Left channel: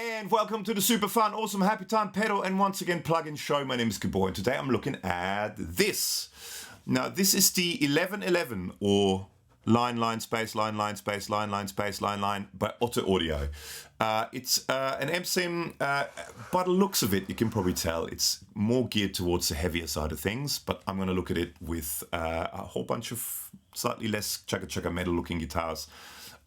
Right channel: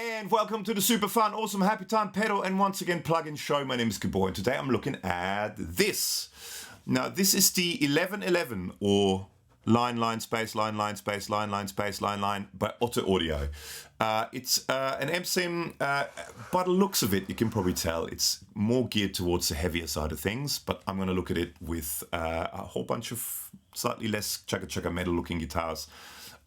And welcome to the super fun, awesome, happy time pedal and once again plug-in show. My name is Gabor and today I'm looking at this. Now this is the 1111 or line space line space line space line by Otto Audio. It's an amp sim. By the looks of it, you can probably tell it's more geared towards the heavier side of things. But I'm going to look at it with a whole bunch of slightly less chugga metal looking guitars.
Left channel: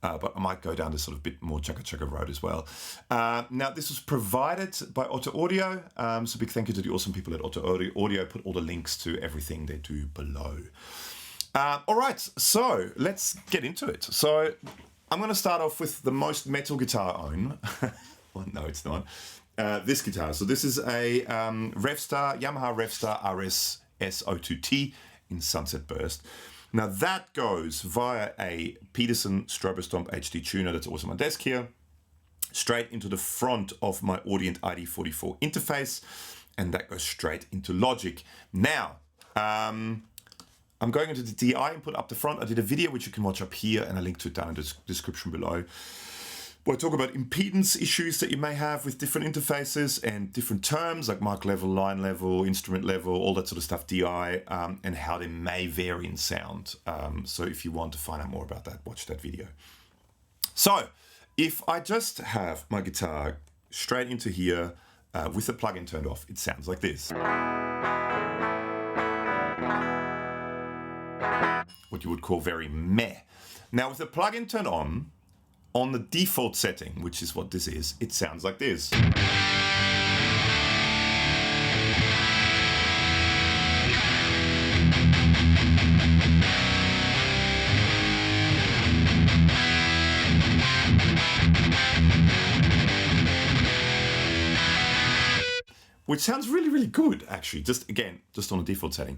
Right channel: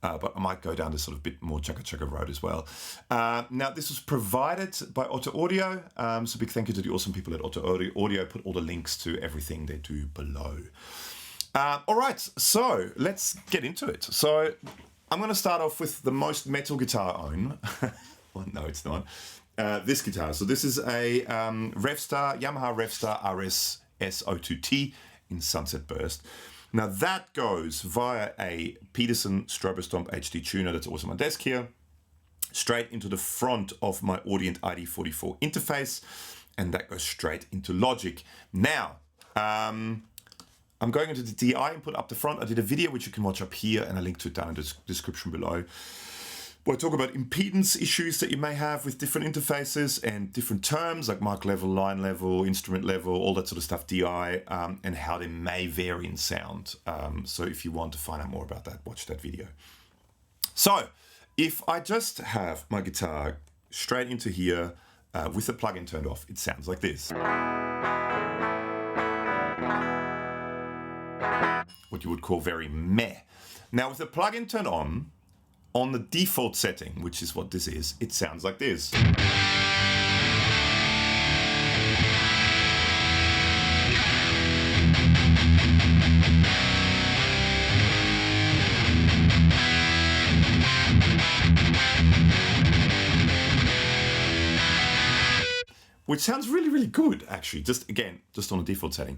But I might go down this sort of bit more chugga road as well. Now, this was provided by Otto Audio. So big thank you to the awesome people at Otto Audio. Put all the links to everything they do below. All right, so let's get into it. So I'm going to start off with the most metal guitar I own. Well, no, it's not. This guitar. So this is a Yamaha Revstar RS S02T in Sunset Burst. Now that goes via a Peterson Strobo Stomp HD tuner that's also on my desk here, straight into the front of my Audient ID44 interface, and that goes straight into Logic. Now, I'm going into the DI input up the front. I did a video which you can watch up here, and I link to it down in the description below, where I talk about impedance issues that you may have with different interfaces and different terms like mic level, line level, instrument level, all that sort of stuff, DI, and how they may vary in sound. So if you want to find out more about that, watch that video. So if I just have my guitar straight into here with the plugin turned off, it sounds like this. What you would call very meh. Now with the plugin turned on the default setting, which is what this is, it sounds like this. Which sounds really good, actually, just on the default setting.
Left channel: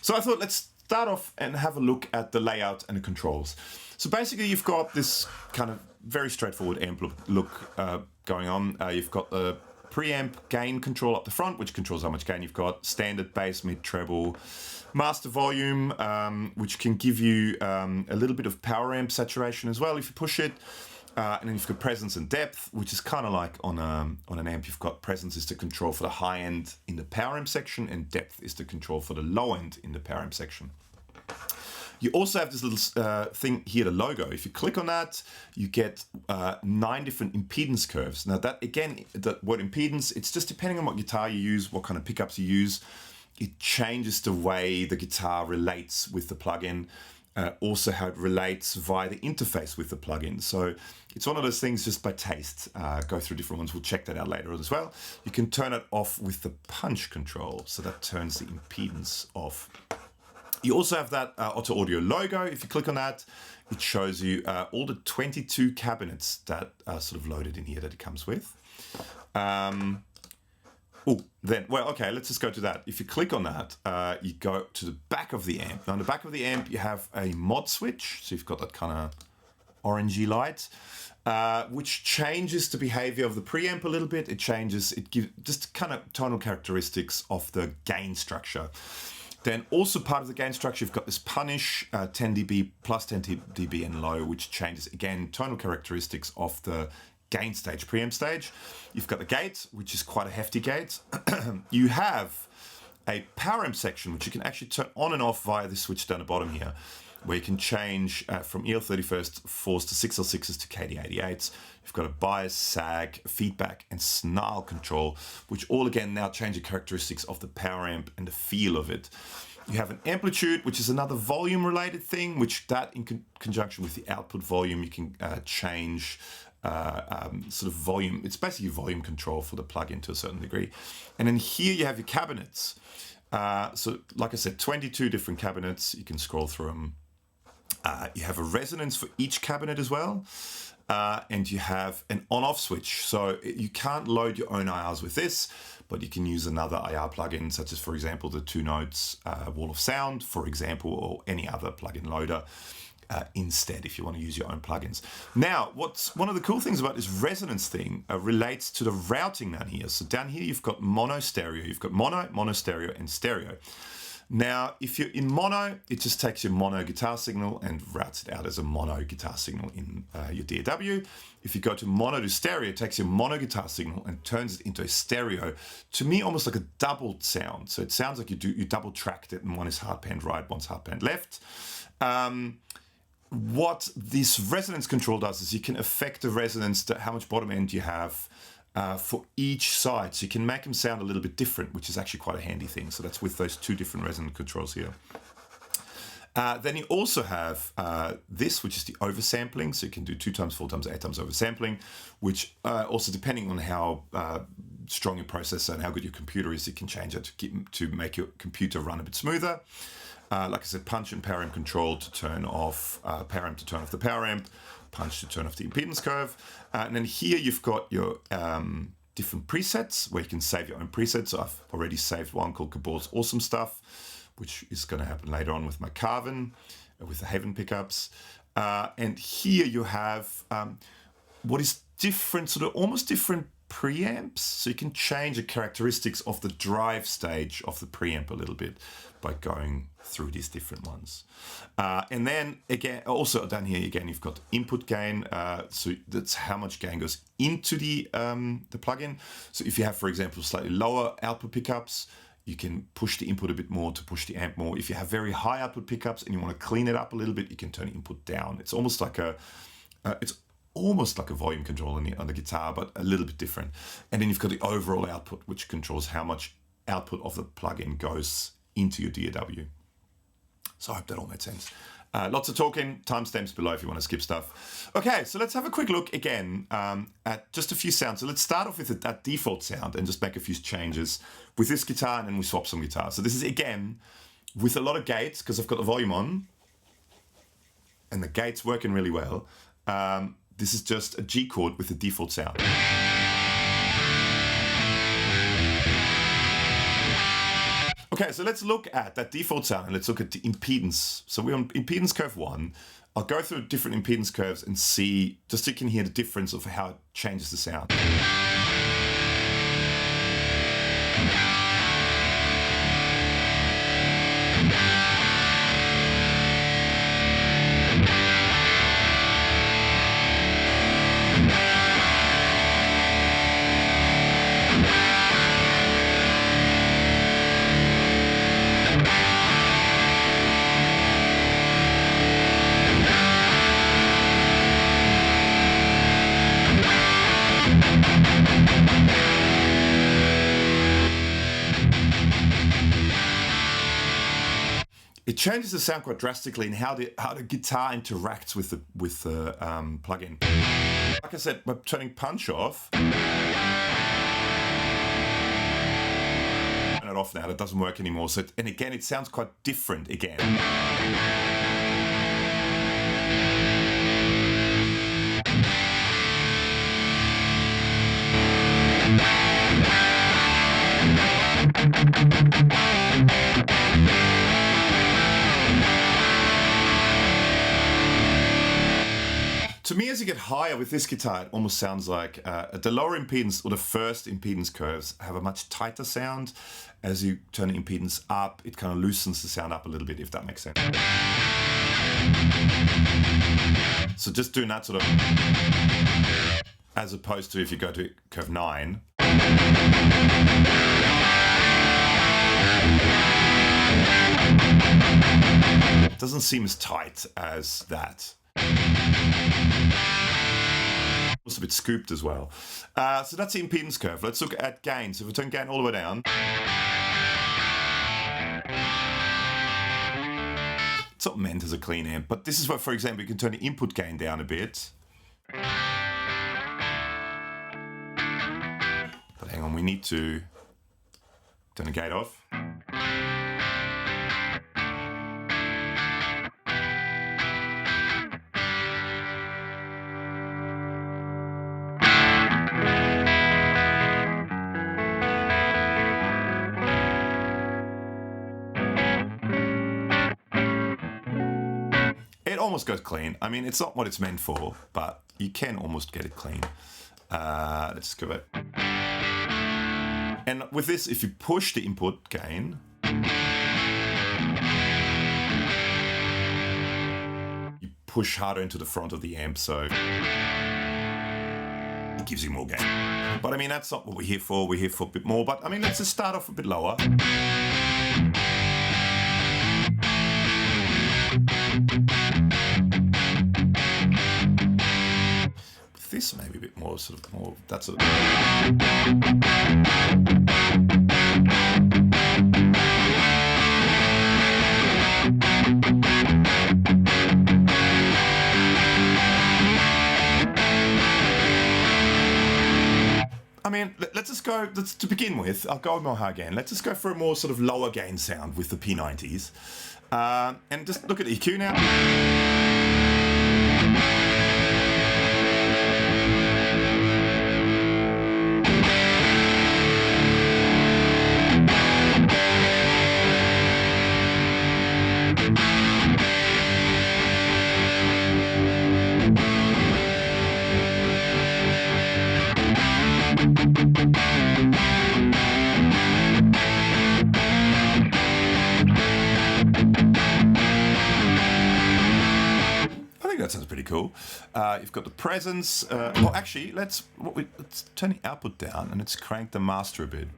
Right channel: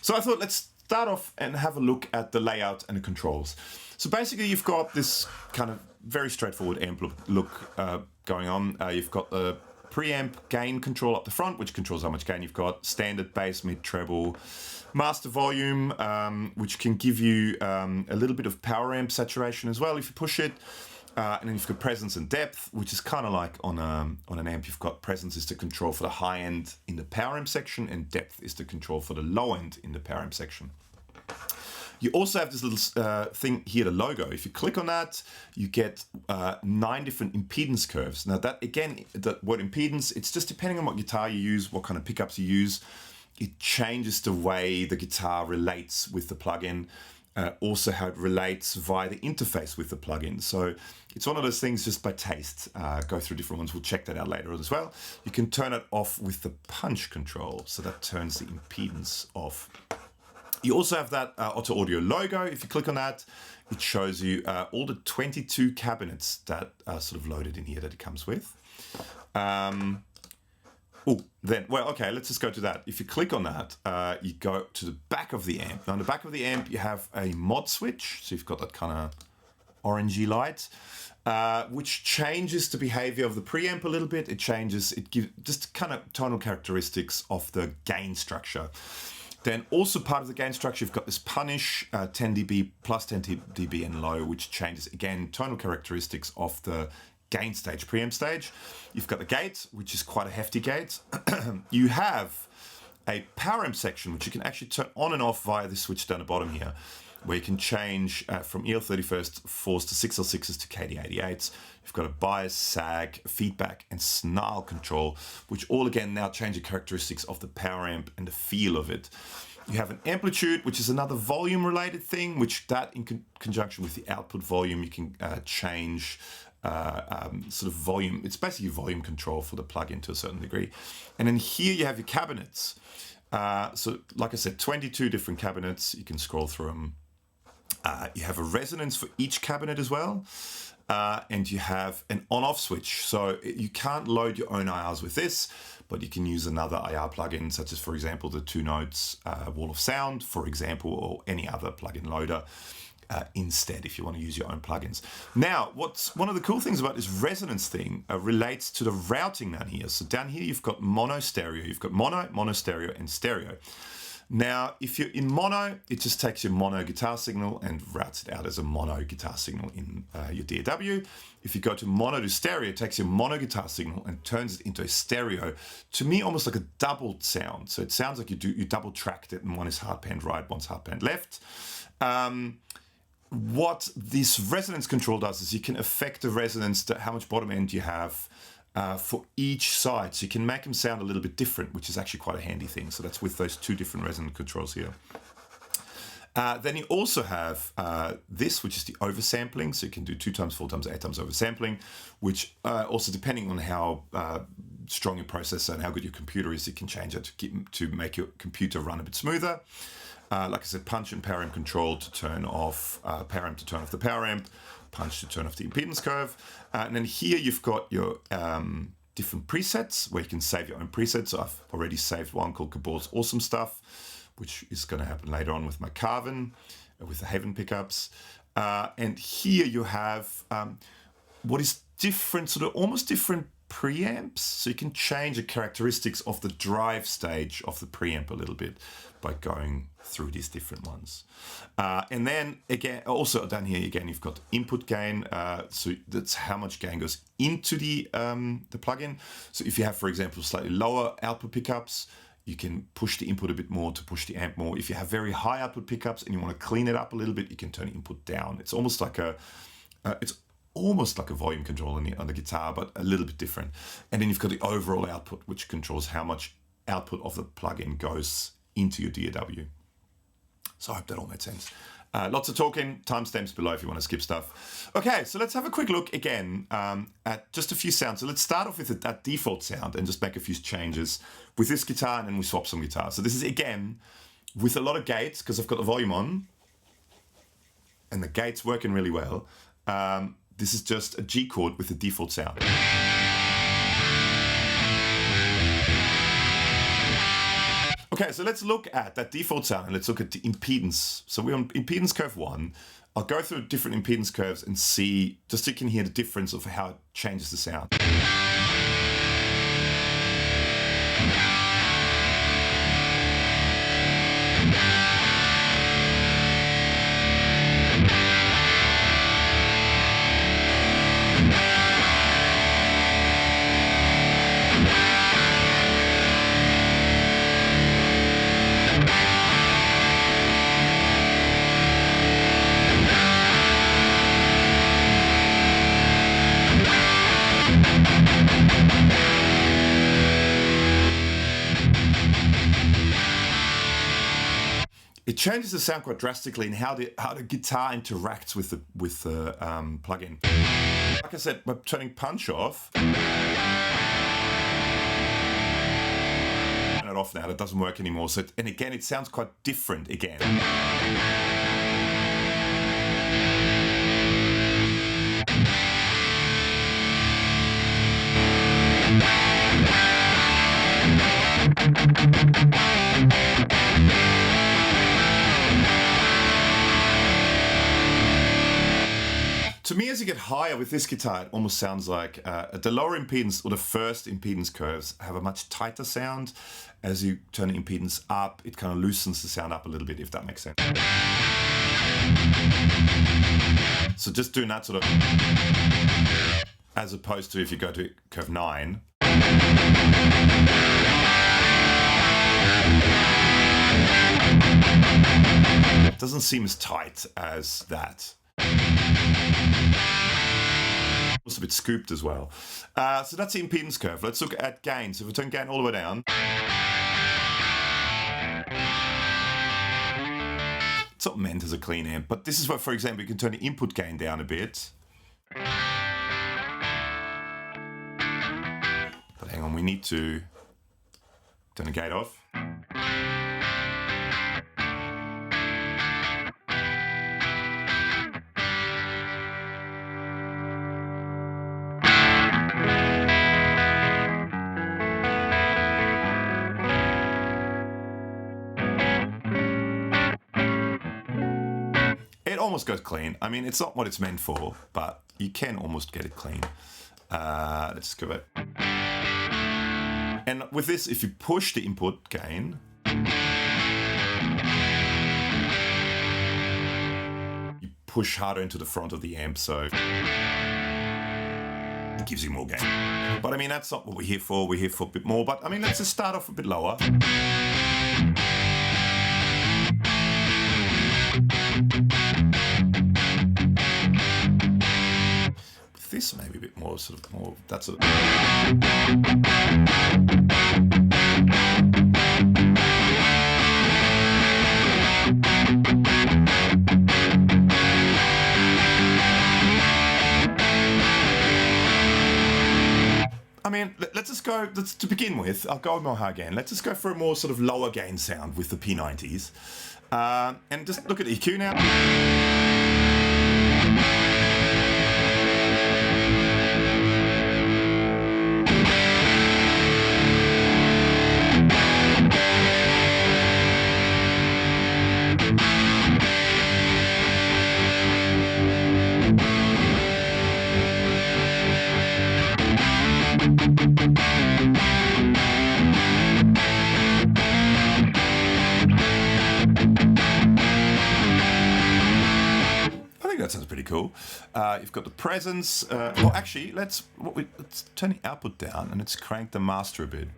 So I thought let's start off and have a look at the layout and the controls. So basically you've got this kind of very straightforward amp look going on. You've got the preamp gain control up the front, which controls how much gain you've got, standard bass, mid, treble, master volume, which can give you a little bit of power amp saturation as well if you push it. And then you've got presence and depth, which is kind of like on an amp. You've got presence is the control for the high end in the power amp section, and depth is the control for the low end in the power amp section. You also have this little thing here, the logo. If you click on that, you get 9 different impedance curves. Now that, again, the word impedance, it's just depending on what guitar you use, what kind of pickups you use. It changes the way the guitar relates with the plugin. Also how it relates via the interface with the plugin. So it's one of those things just by taste. Go through different ones. We'll check that out later as well. You can turn it off with the punch control. So that turns the impedance off. You also have that Otto Audio logo. If you click on that, it shows you all the 22 cabinets that are sort of loaded in here that it comes with. Okay, let's just go to that. If you click on that, you go to the back of the amp. Now, on the back of the amp, you have a mod switch. So you've got that kind of orangey light, which changes the behavior of the preamp a little bit. It gives just kind of tonal characteristics of the gain structure. Then also part of the gain structure, you've got this punish 10 dB plus 10 dB and low, which changes, again, tonal characteristics of the gain stage, preamp stage. You've got the gate, which is quite a hefty gate. You have a power amp section, which you can actually turn on and off via this switch down the bottom here, where you can change from EL31st 4s to 6L6s to KD88s. You've got a bias, sag, feedback, and snarl control, which all again now change the characteristics of the power amp and the feel of it. You have an amplitude, which is another volume related thing, which that in conjunction with the output volume, you can change sort of volume. It's basically volume control for the plugin to a certain degree. And then here you have your cabinets. So like I said, 22 different cabinets. You can scroll through them. You have a resonance for each cabinet as well. And you have an on-off switch. So you can't load your own IRs with this, but you can use another IR plugin, such as, for example, the 2 Notes Wall of Sound, for example, or any other plugin loader. Instead, if you want to use your own plugins. Now, what's one of the cool things about this resonance thing relates to the routing down here. So down here, you've got mono stereo. You've got mono stereo, and stereo. Now, if you're in mono, it just takes your mono guitar signal and routes it out as a mono guitar signal in your DAW. If you go to mono to stereo, it takes your mono guitar signal and turns it into a stereo. To me, almost like a doubled sound. So it sounds like you double tracked it, and one is hard panned right, one's hard panned left. What this resonance control does is you can affect the resonance, how much bottom end you have for each side. So you can make them sound a little bit different, which is actually quite a handy thing. So that's with those two different resonance controls here. Then you also have this, which is the oversampling. So you can do 2 times, 4 times, 8 times oversampling, which also depending on how strong your processor and how good your computer is, you can change it to make your computer run a bit smoother. Like I said, punch and power amp control to turn off power amp to turn off the power amp, punch to turn off the impedance curve. And then here you've got your different presets where you can save your own presets. So I've already saved one called Gabor's Awesome Stuff, which is going to happen later on with my Carvin, with the Haven pickups. And here you have what is different, sort of almost different preamps. So you can change the characteristics of the drive stage of the preamp a little bit by going through these different ones. And then again, also down here again, you've got input gain. So that's how much gain goes into the plugin. So if you have, for example, slightly lower output pickups, you can push the input a bit more to push the amp more. If you have very high output pickups and you want to clean it up a little bit, you can turn input down. It's almost like a volume control on the guitar, but a little bit different. And then you've got the overall output, which controls how much output of the plugin goes into your DAW. So I hope that all made sense. Lots of talking, timestamps below if you want to skip stuff. Okay, so let's have a quick look again at just a few sounds. So let's start off with that default sound and just make a few changes with this guitar, and then we swap some guitars. So this is again with a lot of gates because I've got the volume on and the gates working really well. This is just a G chord with the default sound. Okay, so let's look at that default sound and let's look at the impedance. So we're on impedance curve 1. I'll go through different impedance curves and see, just so you can hear the difference of how it changes the sound. It changes the sound quite drastically in how the guitar interacts with the plugin. Like I said, by turning punch off, turn it off now. It doesn't work anymore. So, and again, it sounds quite different again. To me, as you get higher with this guitar, it almost sounds like the lower impedance or the first impedance curves have a much tighter sound. As you turn the impedance up, it kind of loosens the sound up a little bit, if that makes sense. So just doing that sort of, as opposed to if you go to curve 9. It doesn't seem as tight as that. Also a bit scooped as well. So that's the impedance curve. Let's look at gain. So if we turn gain all the way down, it's not meant as a clean amp, but this is where, for example, you can turn the input gain down a bit. But hang on, we need to turn the gate off. It almost goes clean. I mean, it's not what it's meant for, but you can almost get it clean. Let's just go back. And with this, if you push the input gain, push harder into the front of the amp, so it gives you more gain. But I mean, that's not what we're here for. We're here for a bit more. But I mean, let's just start off a bit lower. With this, maybe a bit more, sort of more. That's sort of. I mean, let's just go, to begin with, I'll go more high gain. Let's just go for a more sort of lower gain sound with the P90s. And just look at EQ now. That sounds pretty cool. You've got the presence. Well, actually, let's turn the output down and let's crank the master a bit.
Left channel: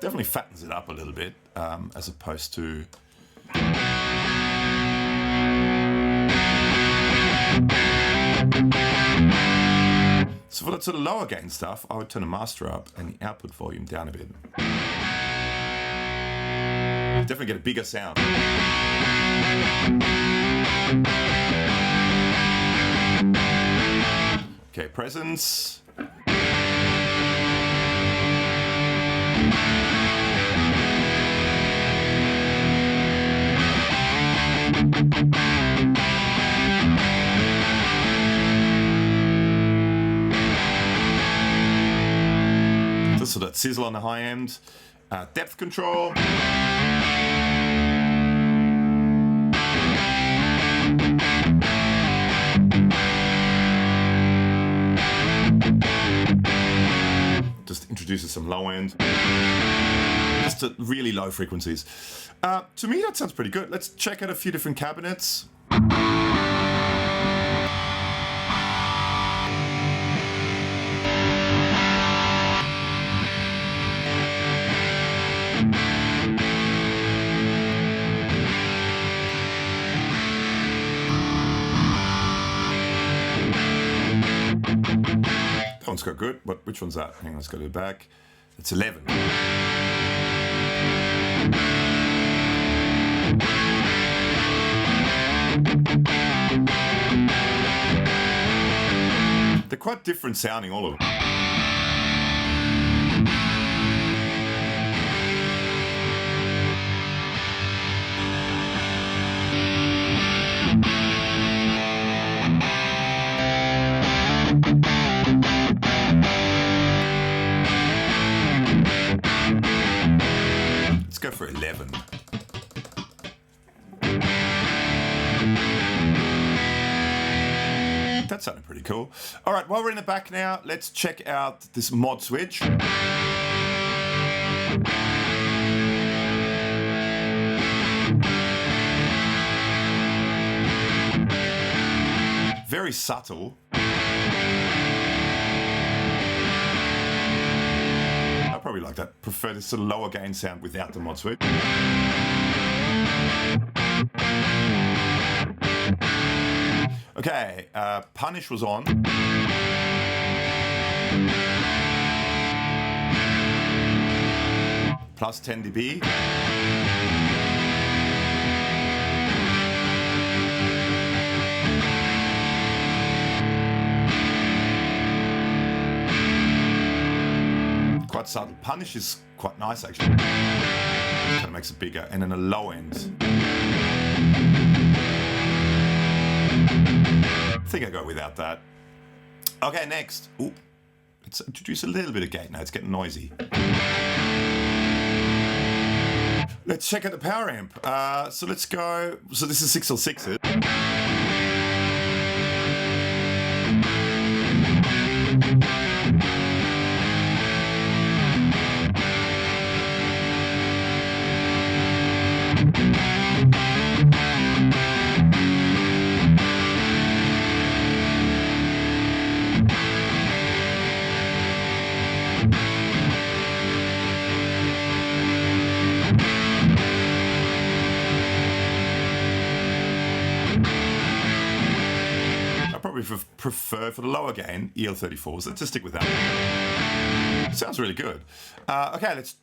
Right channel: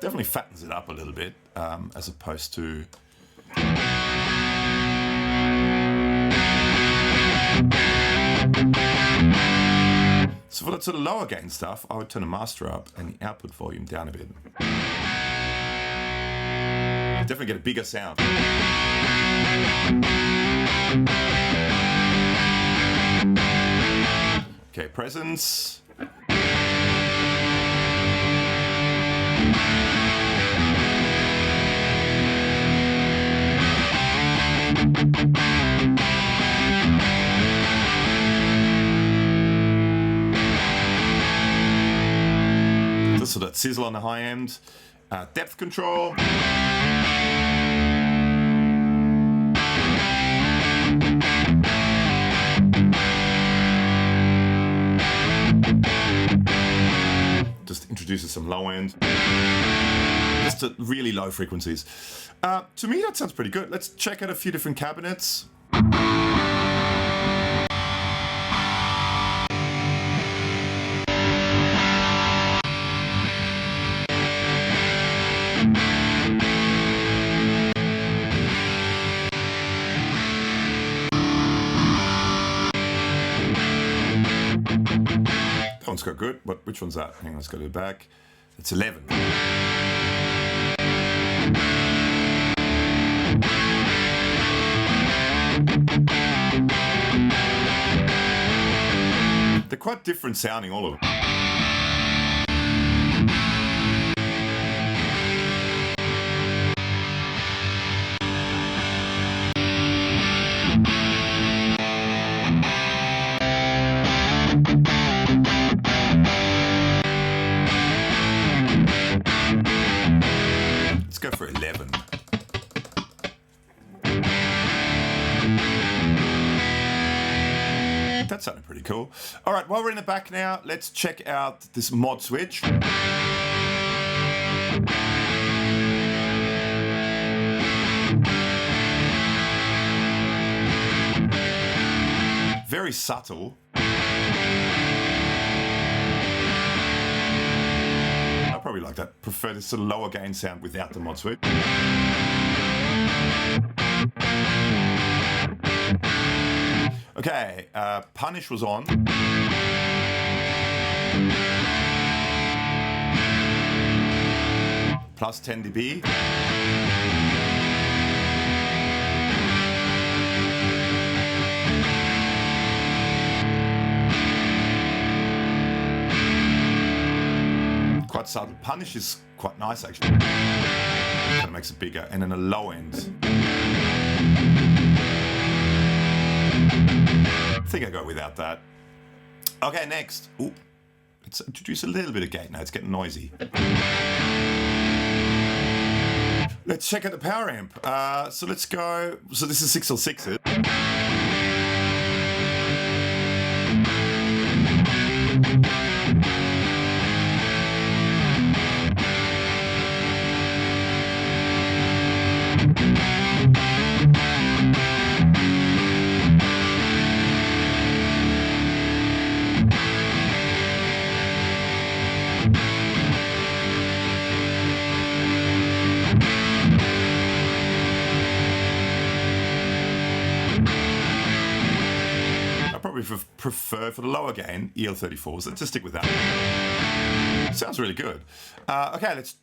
Definitely fattens it up a little bit, as opposed to. So for that sort of lower gain stuff, I would turn the master up and the output volume down a bit. Definitely get a bigger sound. Okay, presence. So that sizzle on the high end, depth control. Just introduces some low end, just at really low frequencies. To me, that sounds pretty good. Let's check out a few different cabinets. That one's got good, but which one's that? Hang on, let's go to the back. It's 11. They're quite different sounding, all of them. Let's go for 11. That sounded pretty cool. All right, while we're in the back now, let's check out this mod switch. Very subtle. I probably like that. Prefer this sort of lower gain sound without the mod switch. Okay, Punish was on. Plus 10 dB. Quite subtle. Punish is quite nice actually. Kind of makes it bigger. And then a low end. I think I go without that. Okay, next. Ooh, let's introduce a little bit of gate now. It's getting noisy. Let's check out the power amp. So let's go. So this is 6L6s. probably prefer for the lower gain EL34, so let's just stick with that. Sounds really good. Okay, let's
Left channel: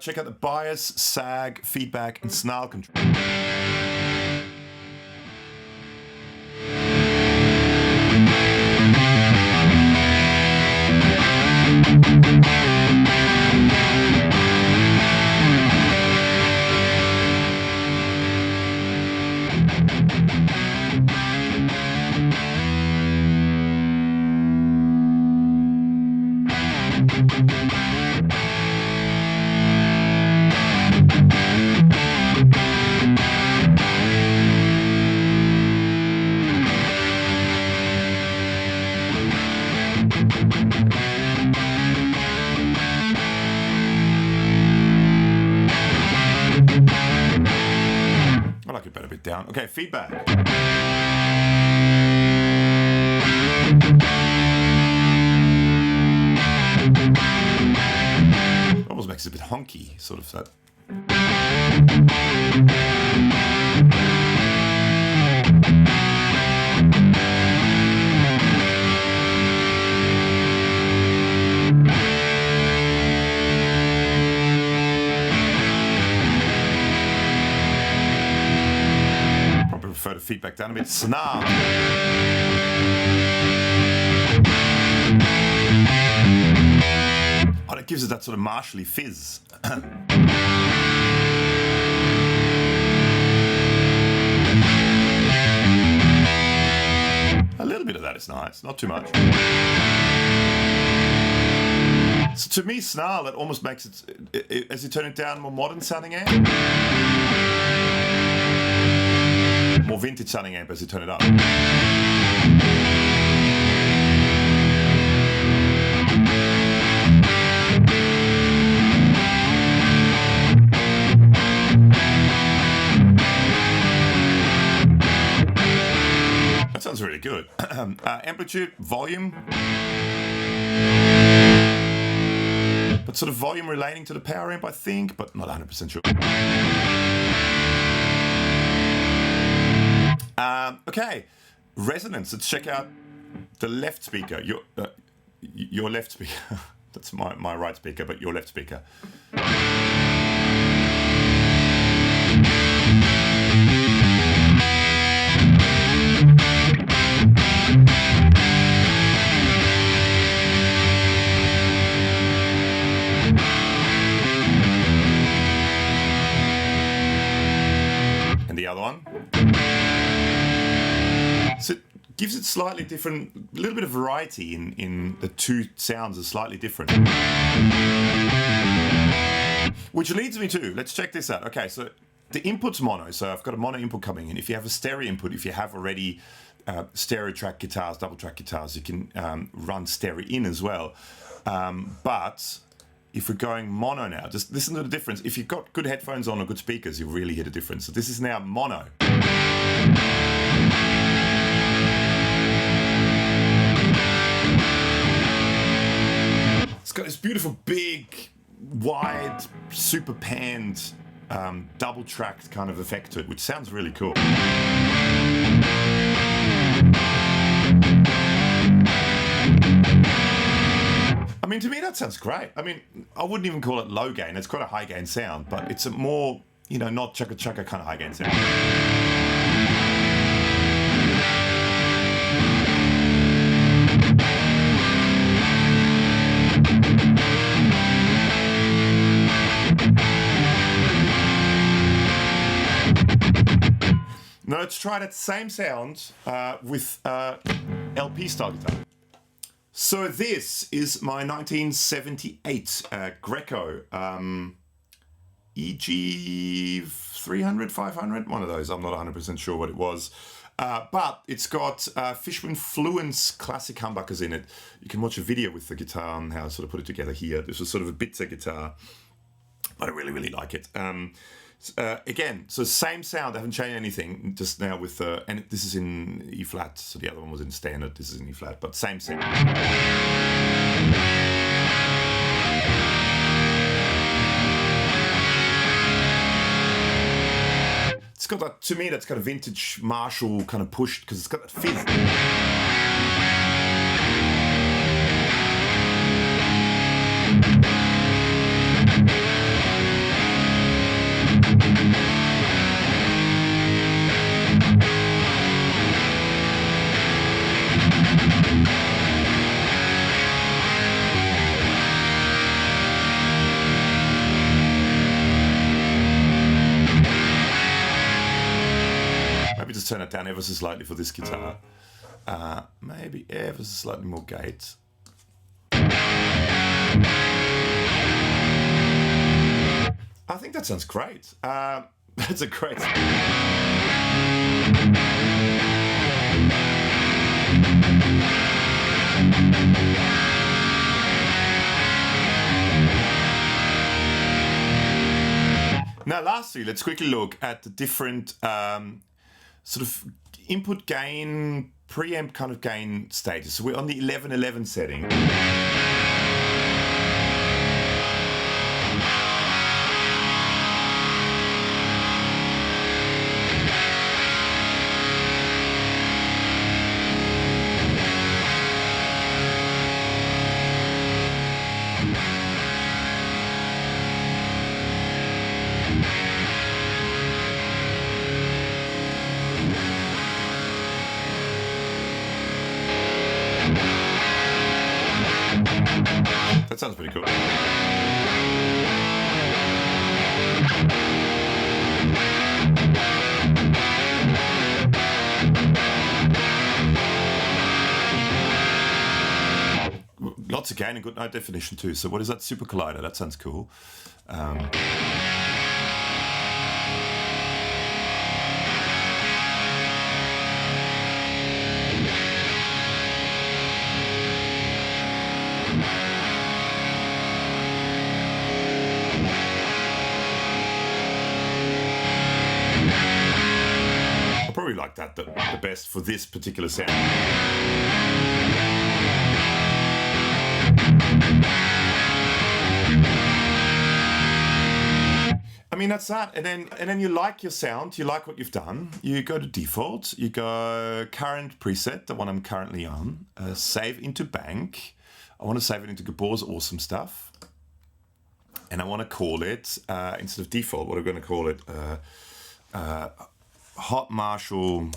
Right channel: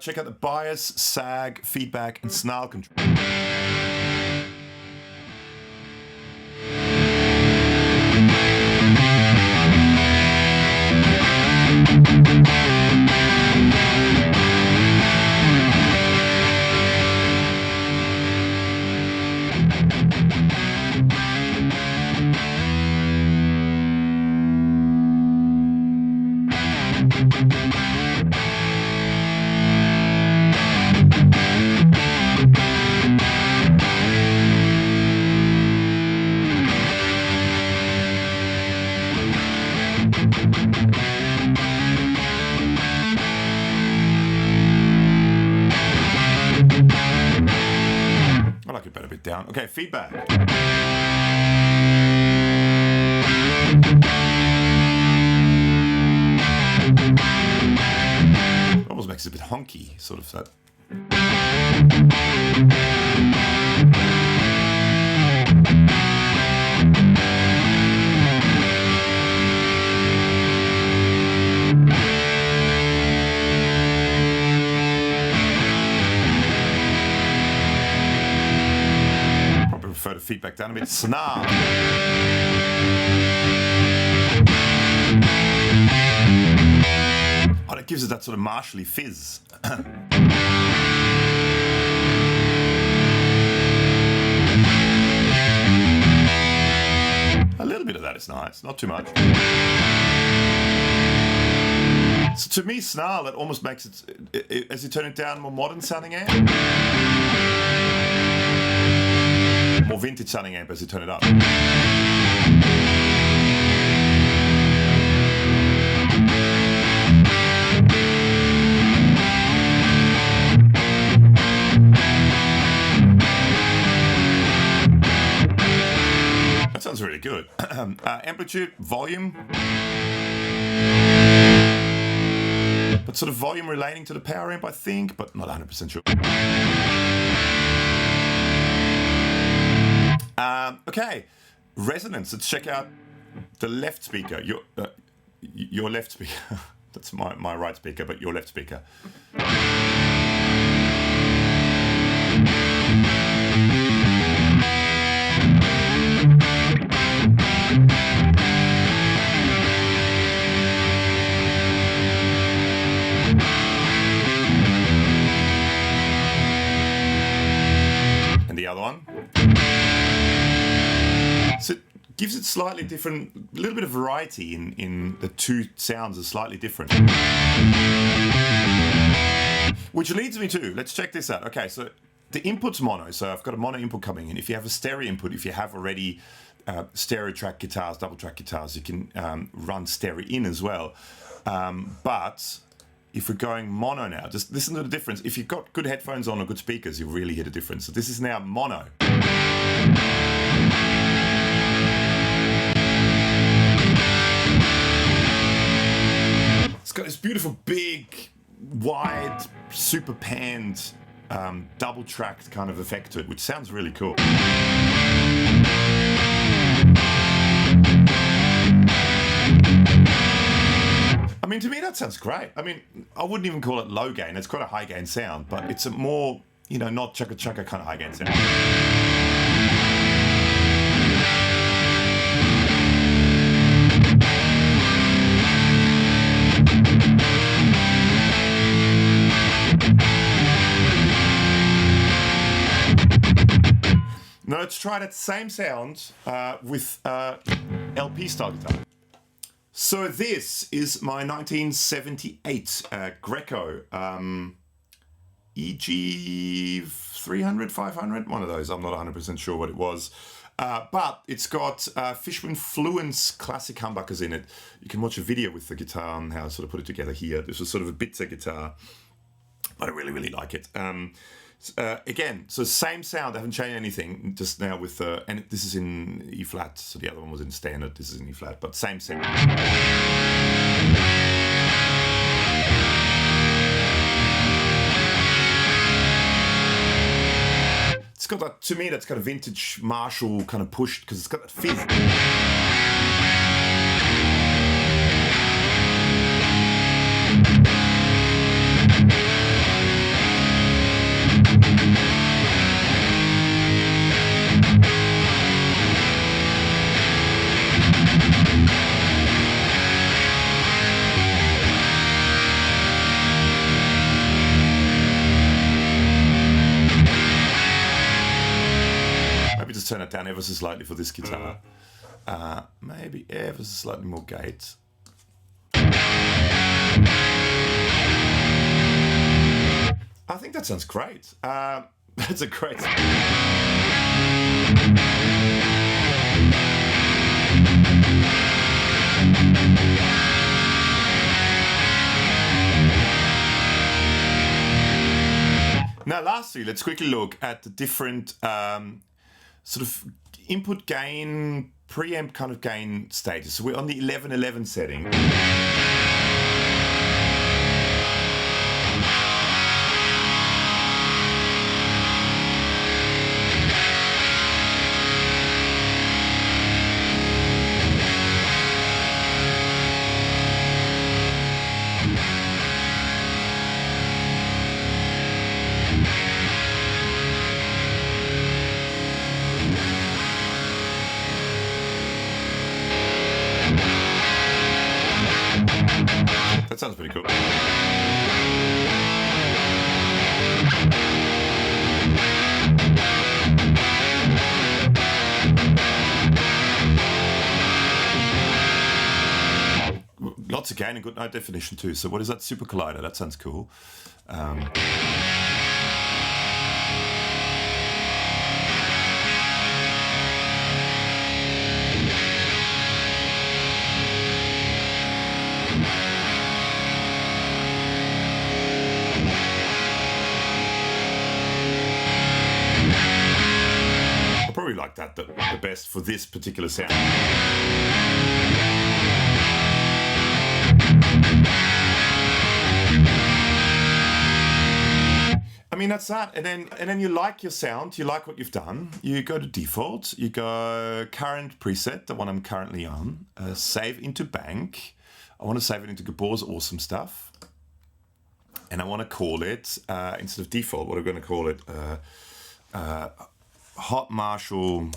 check out the bias, sag, feedback, and snarl control. I like it better a bit down. Okay, feedback. Almost makes it a bit honky, sort of that. Probably prefer to feedback down a bit. Snarl. Oh, it gives it that sort of martially fizz. A little bit of that is nice, not too much. So to me, snarl, it almost makes it, as you turn it down, more modern sounding amp. More vintage sounding amp as you turn it up. That sounds really good. Amplitude, volume. But sort of volume relating to the power amp, I think, but not 100% sure. Okay, resonance. Let's check out the left speaker. Your left speaker. That's my right speaker, but your left speaker. And the other one. So it gives it slightly different, a little bit of variety in the two sounds are slightly different. Which leads me to, let's check this out. Okay, so the input's mono, so I've got a mono input coming in. If you have a stereo input, if you have already stereo track guitars, double track guitars, you can run stereo in as well. But if we're going mono now, just listen to the difference. If you've got good headphones on or good speakers, you'll really hear the difference. So this is now mono. It's got this beautiful, big, wide, super panned, double tracked kind of effect to it, which sounds really cool. I mean, to me, that sounds great. I mean, I wouldn't even call it low gain. It's quite a high gain sound, but it's a more, you know, not chugga chugga kind of high gain sound. Now let's try that same sound with LP style guitar. So this is my 1978 Greco EG 300, 500, one of those. I'm not 100% sure what it was. But it's got Fishman Fluence classic humbuckers in it. You can watch a video with the guitar and how I sort of put it together here. This was sort of a Bitzer guitar, but I really, really like it. Again, so same sound, I haven't changed anything, just now with, and this is in E flat, so the other one was in standard, this is in E flat, but same sound. It's got that, to me, that's kind of vintage Marshall kind of pushed, because it's got that fizz. turn it down ever so slightly for this guitar. Maybe ever so slightly more gate. I think that sounds great. That's a great... Now, lastly, let's quickly look at the different sort of input gain, preamp kind of gain stages. So we're on the 1111 setting. That sounds pretty cool. Lots of gain and good note definition too. So what is that? Super Collider. That sounds cool. Probably like that the best for this particular sound. I mean, that's that. And then you like your sound, you like what you've done. You go to default, you go current preset, the one I'm currently on, save into bank. I want to save it into Gabor's awesome stuff. And I want to call it, instead of default, what I'm going to call it, Hot Marshall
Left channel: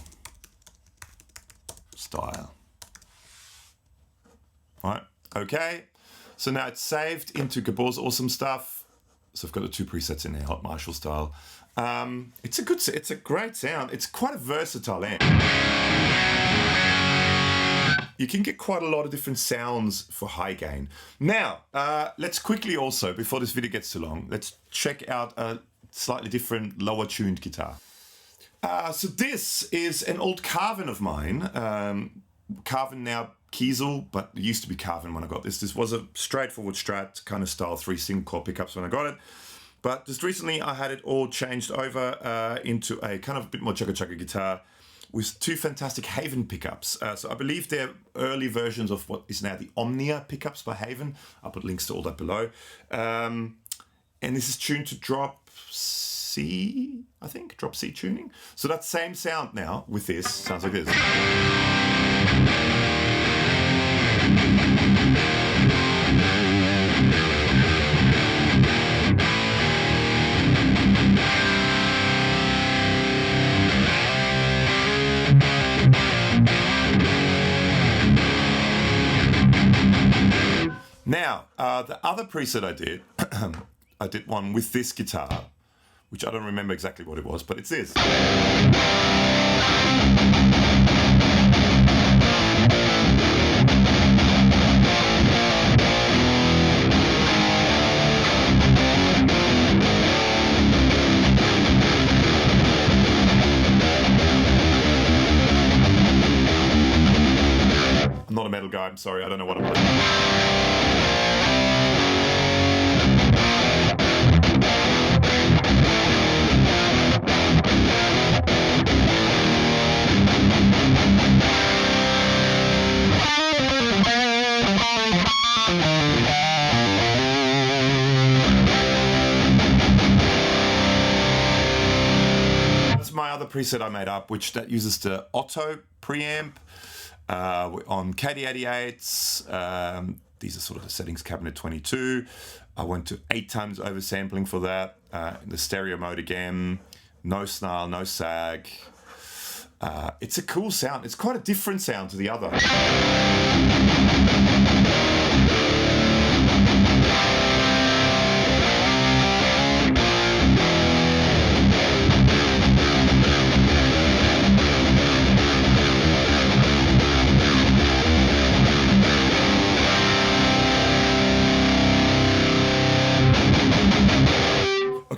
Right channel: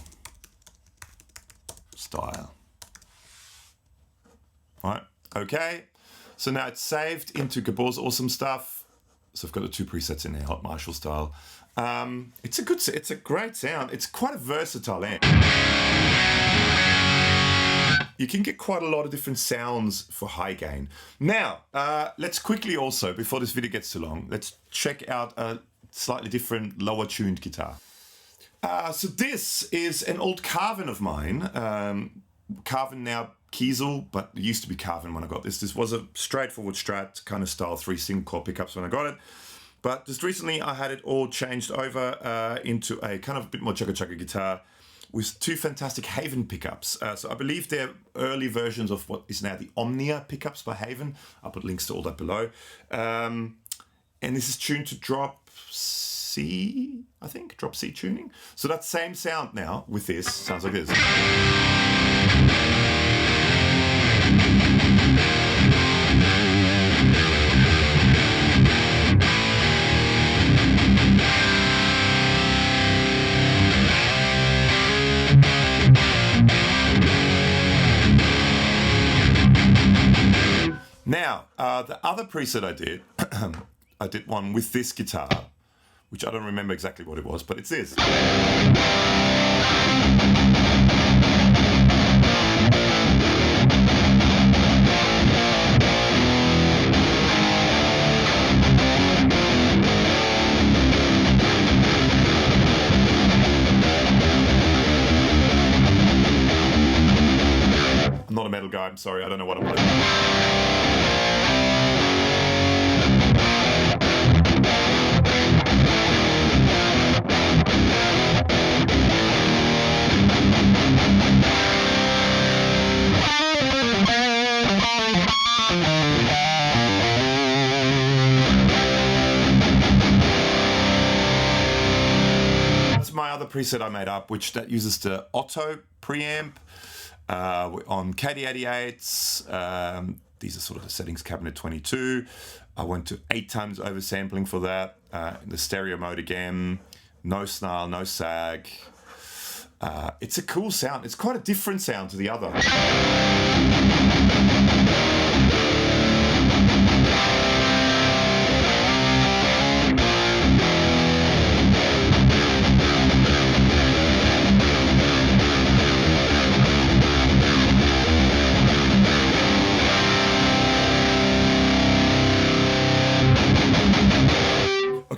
style. All right, okay. So now it's saved into Gabor's awesome stuff. So I've got the two presets in there, Hot Marshall style. It's a great sound. It's quite a versatile amp. You can get quite a lot of different sounds for high gain. Now, let's quickly also, before this video gets too long, let's check out a slightly different, lower tuned guitar. So this is an old Carvin of mine. Carvin now Kiesel, but it used to be Carvin when I got this. This was a straightforward Strat kind of style, 3 single core pickups when I got it. But just recently I had it all changed over into a kind of a bit more chugga guitar with 2 fantastic Haven pickups. So I believe they're early versions of what is now the Omnia pickups by Haven. I'll put links to all that below. And this is tuned to drop C, I think, drop C tuning. So that same sound now with this sounds like this. Now, the other preset I did, I did one with this guitar, which I don't remember exactly what it was, but it's this. I'm not a metal guy, I'm sorry, I don't know what I'm playing. That's my other preset I made up, which that uses the Otto preamp on KD88s. These are sort of the settings cabinet 22. I went to 8 times oversampling for that. In the stereo mode again. No snarl, no sag. It's a cool sound. It's quite a different sound to the other.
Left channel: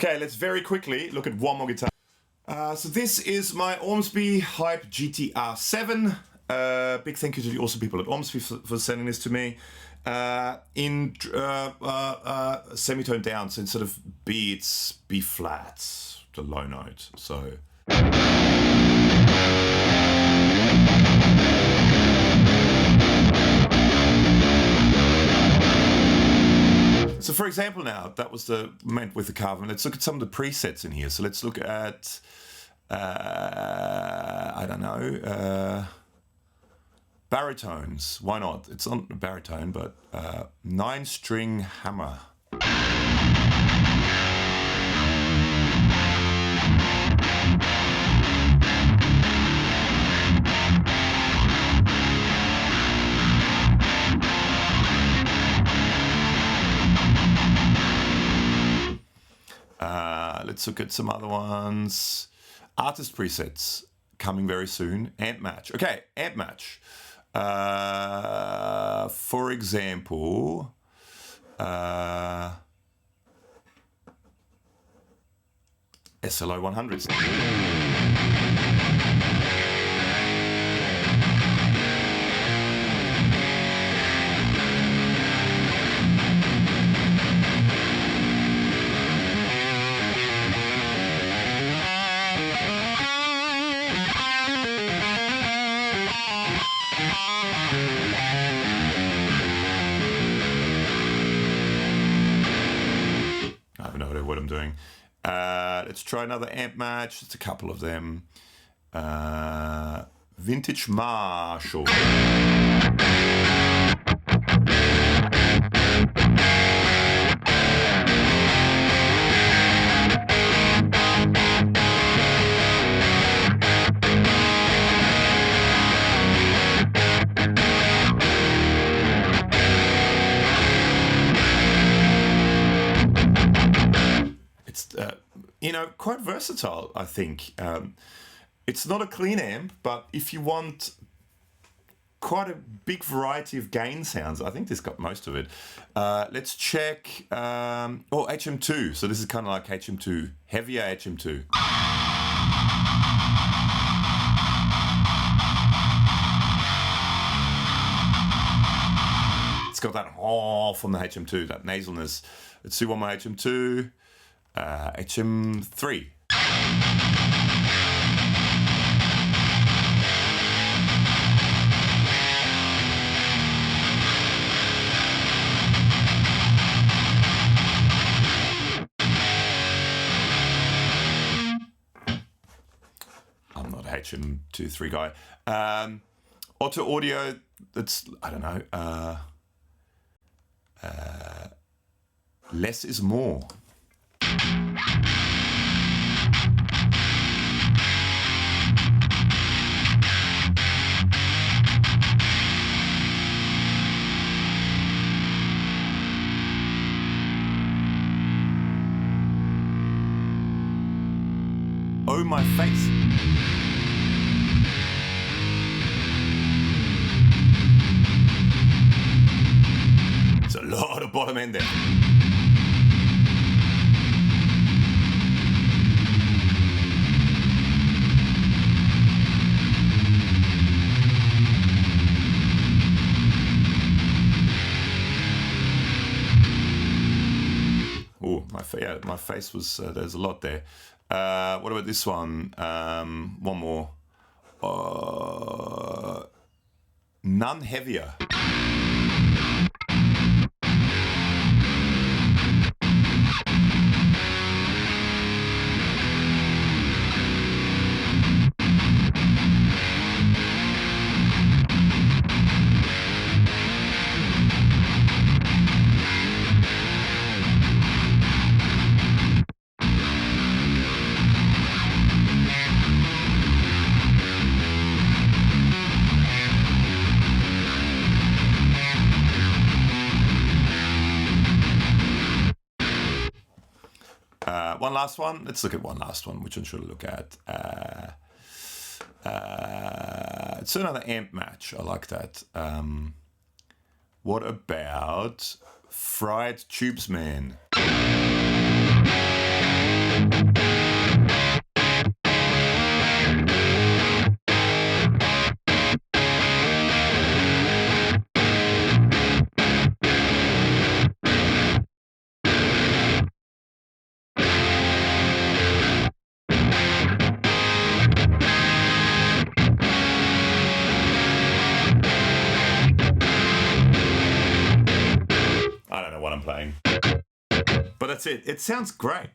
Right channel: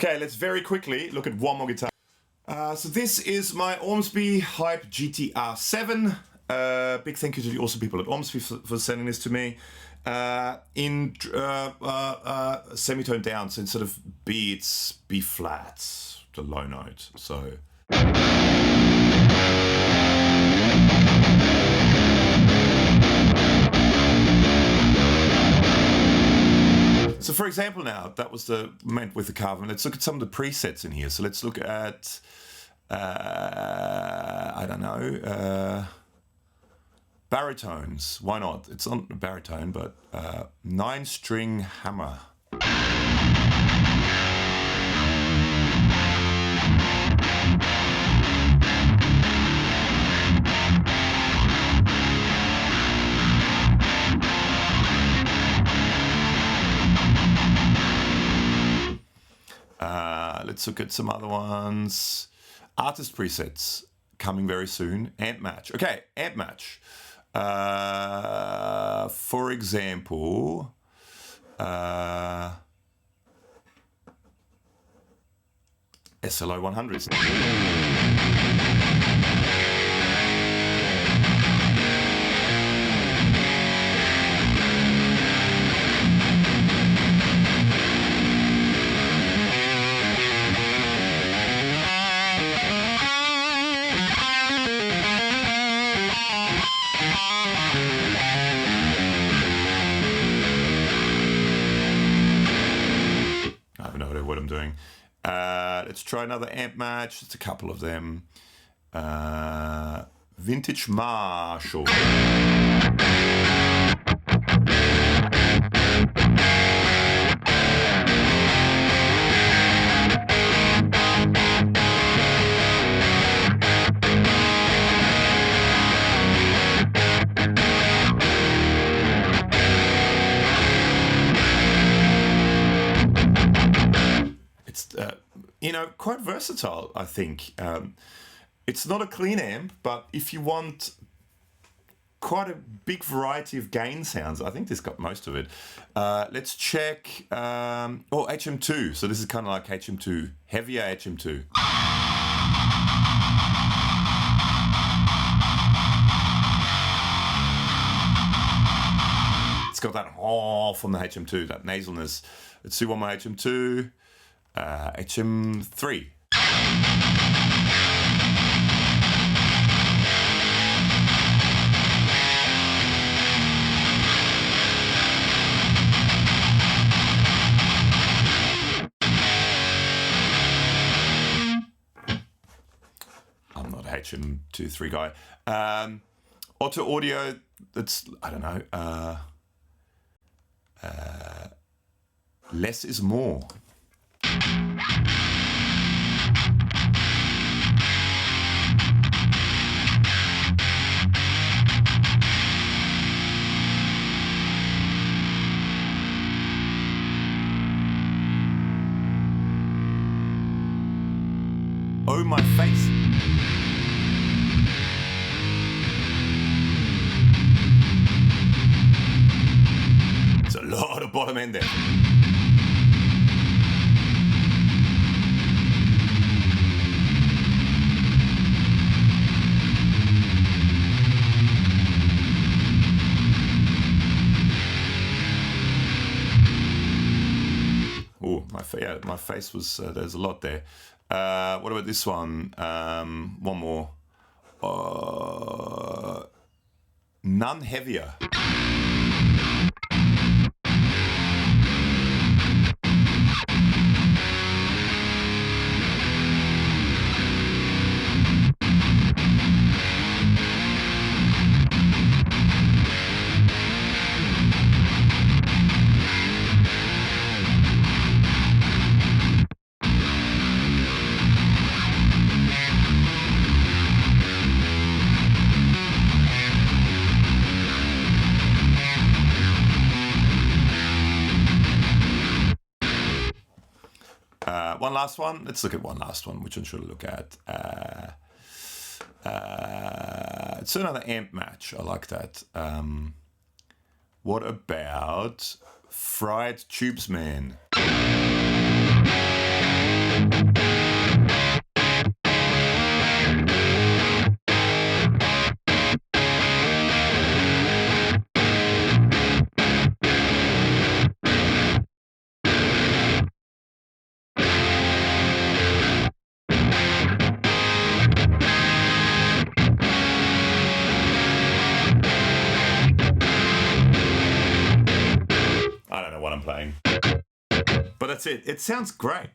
Okay, let's very quickly look at one more guitar. So this is my Ormsby Hype GTR 7. Big thank you to the awesome people at Ormsby for sending this to me. In semitone down, so instead of B, it's B flat, the low note. So. So for example now, that was the meant with the Carvin. Let's look at some of the presets in here. So let's look at, I don't know, baritones. Why not? It's not a baritone, but 9-string hammer. Let's look at some other ones. Artist presets coming very soon. Amp match. Okay, amp match. For example, SLO 100s. I have no idea what I'm doing. Let's try another amp match. Just a couple of them. Vintage Marshall. You know, quite versatile, I think. It's not a clean amp, but if you want quite a big variety of gain sounds, I think this got most of it. Let's check, HM2. So this is kind of like HM2, heavier HM2. It's got that from the HM2, that nasalness. Let's do one more HM2. HM3. I'm not a HM2-3 guy. Otto audio, that's, I don't know, less is more. Oh, my face. It's a lot of bottom end there. Oh, my face was, there's a lot there. What about this one? One more. None heavier. One last one. Let's look at one last one. Which one should I look at? It's another amp match. I like that. What about Fried Tubes Man? I don't know what I'm playing, but that's it. It sounds great.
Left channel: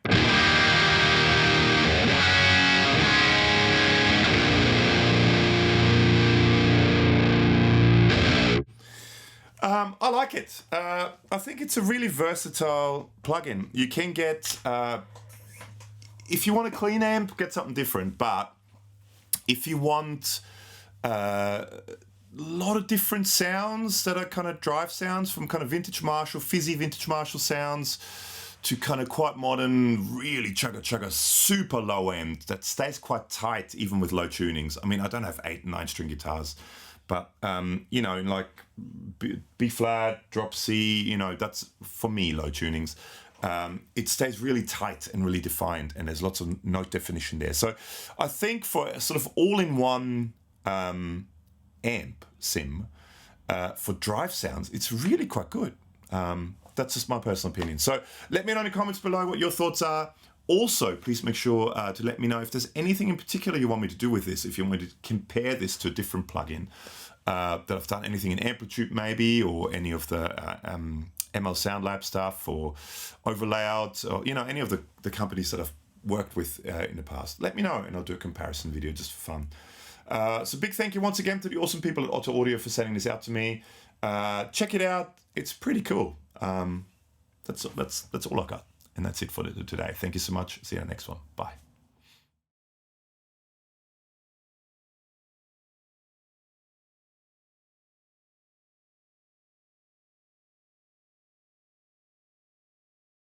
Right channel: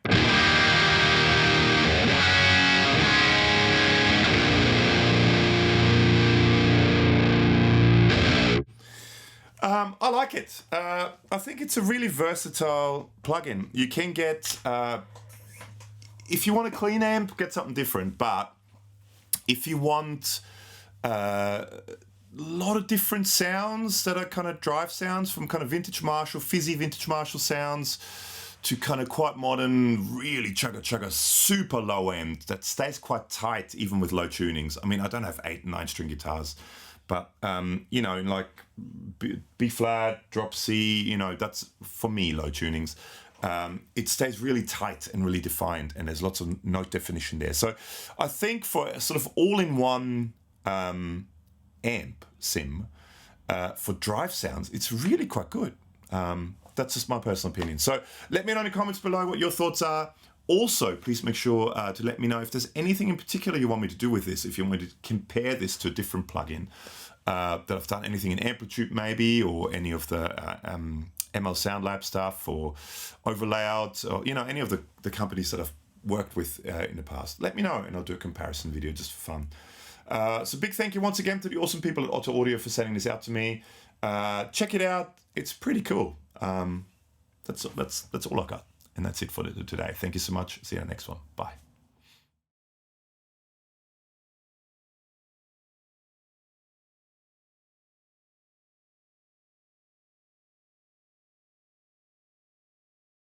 I like it. I think it's a really versatile plugin. You can get, if you want a clean amp, get something different. But if you want a lot of different sounds that are kind of drive sounds, from kind of vintage Marshall, fizzy vintage Marshall sounds, to kind of quite modern, really chugga super low end that stays quite tight even with low tunings. I mean, I don't have 8 and 9 string guitars, but you know, like B flat, drop C, you know, that's for me low tunings. It stays really tight and really defined, and there's lots of note definition there. So I think for a sort of all-in-one amp sim for drive sounds, it's really quite good. That's just my personal opinion. So let me know in the comments below what your thoughts are. Also, please make sure to let me know if there's anything in particular you want me to do with this, if you want me to compare this to a different plugin that I've done, anything in Amplitude maybe, or any of the ML Sound Lab stuff, or Overlayout, or, you know, any of the companies that I've worked with in the past. Let me know and I'll do a comparison video just for fun. So big thank you once again to the awesome people at Otto Audio for sending this out to me. Check it out. It's pretty cool. That's all I got. And that's it for today. Thank you so much. See you in the next one. Bye.